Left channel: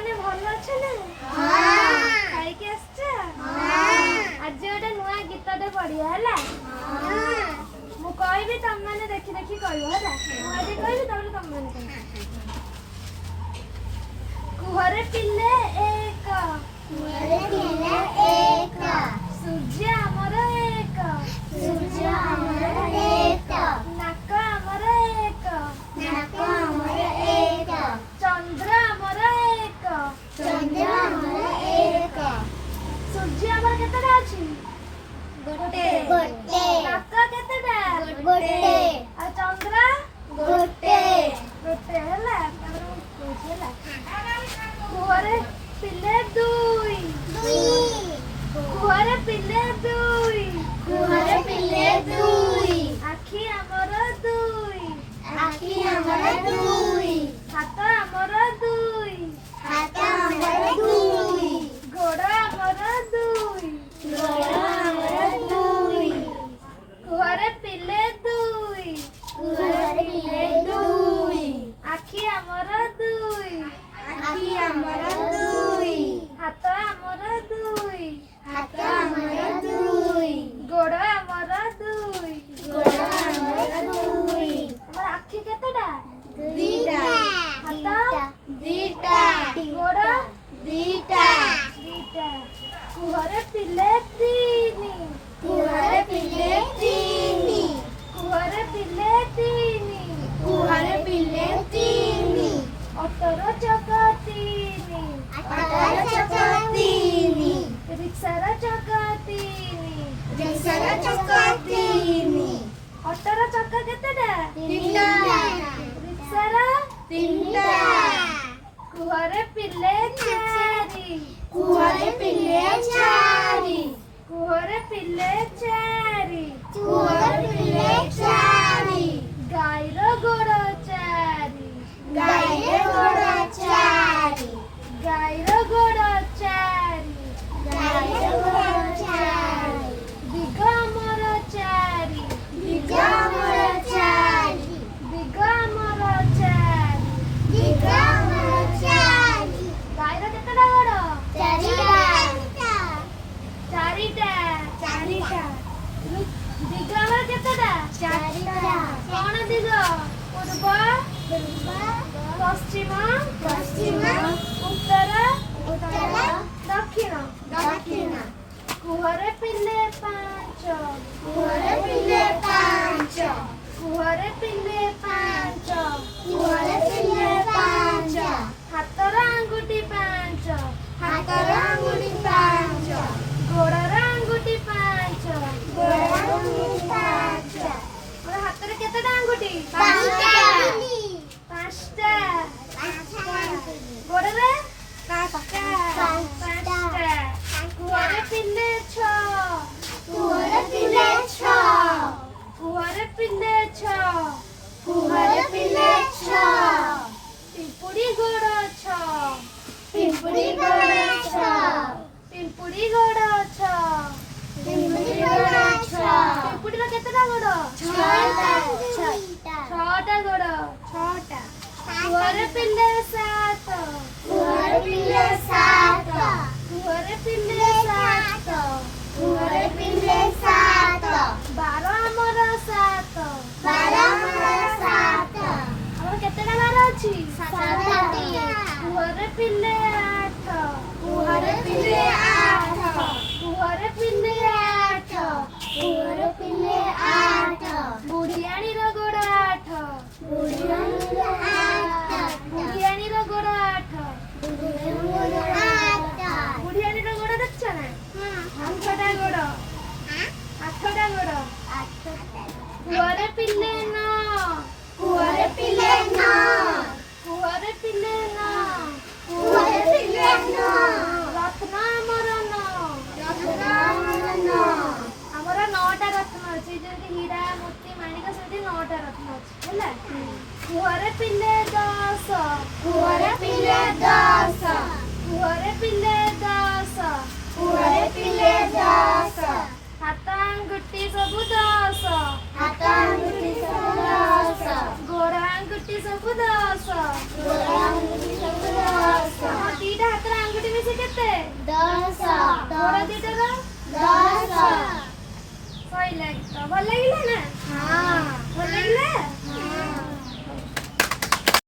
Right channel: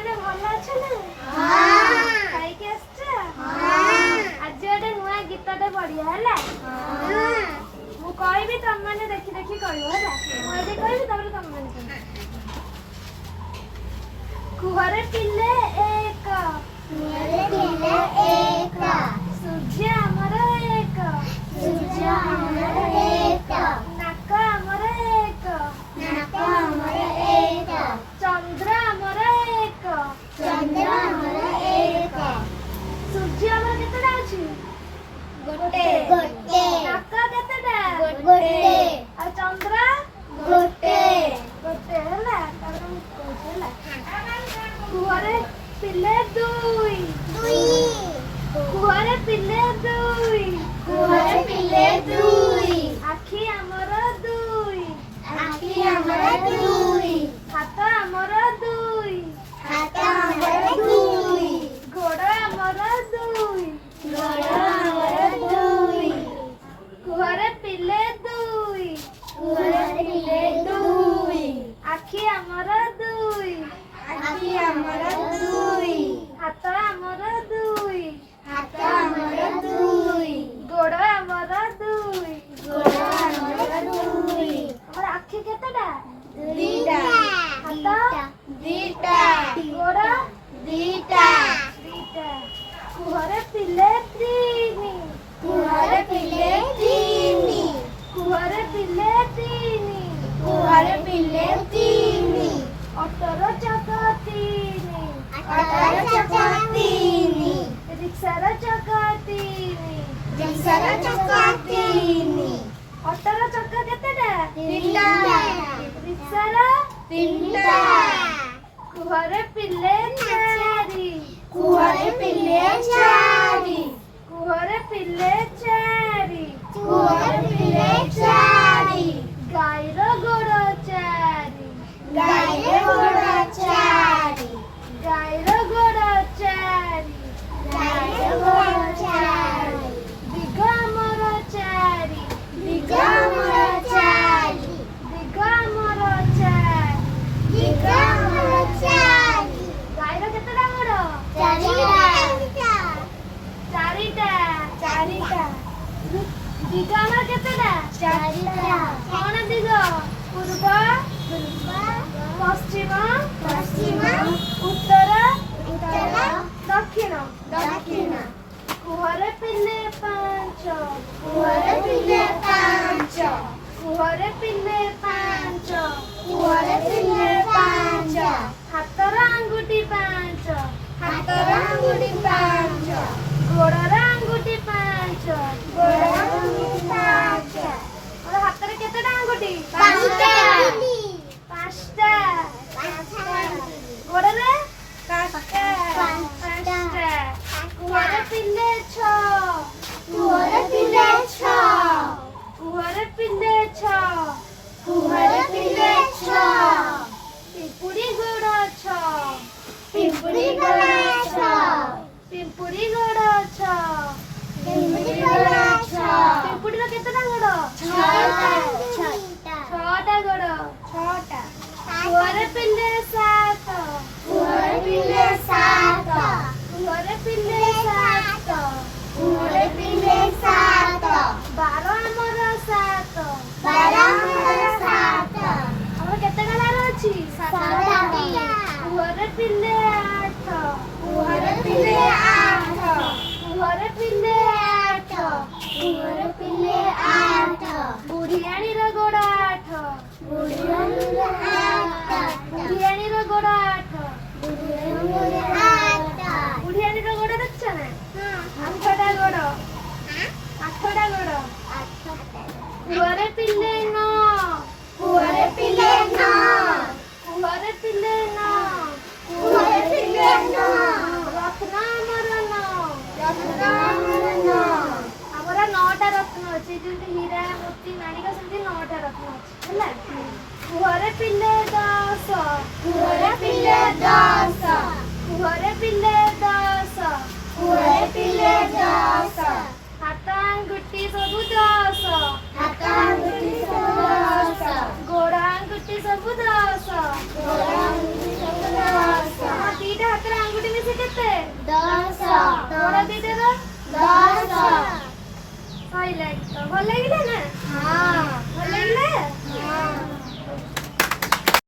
माने भल अछले खाई के आछा आज गोटे नुआ गीतटे पढ़िया हैला मु कहबी तुम माने देखि देखि कहबो हैला मुझे कहबी तबरे तुम माने कहबो कुहरे पिल्ले एक सूर्य अमर एक नाक अमर एक चंद्र अमर एक सूर्य अमर केतेटा अछि नाक केतेटा आ चंद्र गोटे हैला तबरे मु कहै हैला कुहरे पिल्ले दुई कुहरे पिल्ले दुई आखि अमर दुई हाथ अमर दुई गोड़ अमर दुई कुहरे पिल्ले दुई आखि अमर दुई हाथ अमर दुई गोड़ अमर दुई हमर आखि केतेटा हाथ गोड़ दीटा कुहरे पिल्ले तीनी अटर चका तीनी रिक्शार चका तीनी अटर चका केतेटा रिक्शार कुहरे पिल्ले चारी कुहरे पिल्ले चारी गाईर गोड़ चारी दिगमर चारी गाईर केतेटा गोड़ चारिटा दिगमर केतेटा कौन दिग पूर्व पश्चिम उत्तर दक्षिण कुहरे पिल्ले पांच हाथर आंगुठी पांच गोड़र आंगुठी पांच और हाथर केतेटा आंगुठी पांचटा गोड़रे पांचटा कुहरे पिल्ले छ पिंपुड़ी गोड़ पिंपुड़ी केतेटा गोड़ छटा गोड़ कुहरे पिल्ले सात बारो अमर सात हमर केतेटा बार अछि कुहरे पिल्ले आठ बुढ़ियाणी रो गोड़ आठ बुढ़ियाणी रो गोड़ देखछ ना आठटा गोड़ कुहरे पिल्ले न रत्न अमर नौटा रत्न अच्छी जमी हीरा मोती माणिक सेमती नौटा रत्न अच्छी है कुहरे पिल्ले दस हाथ आंगुठी सबु दस गोड़ आंगुठी सबु दस दीटा ଗୋଡ଼ ଦିଟାର 10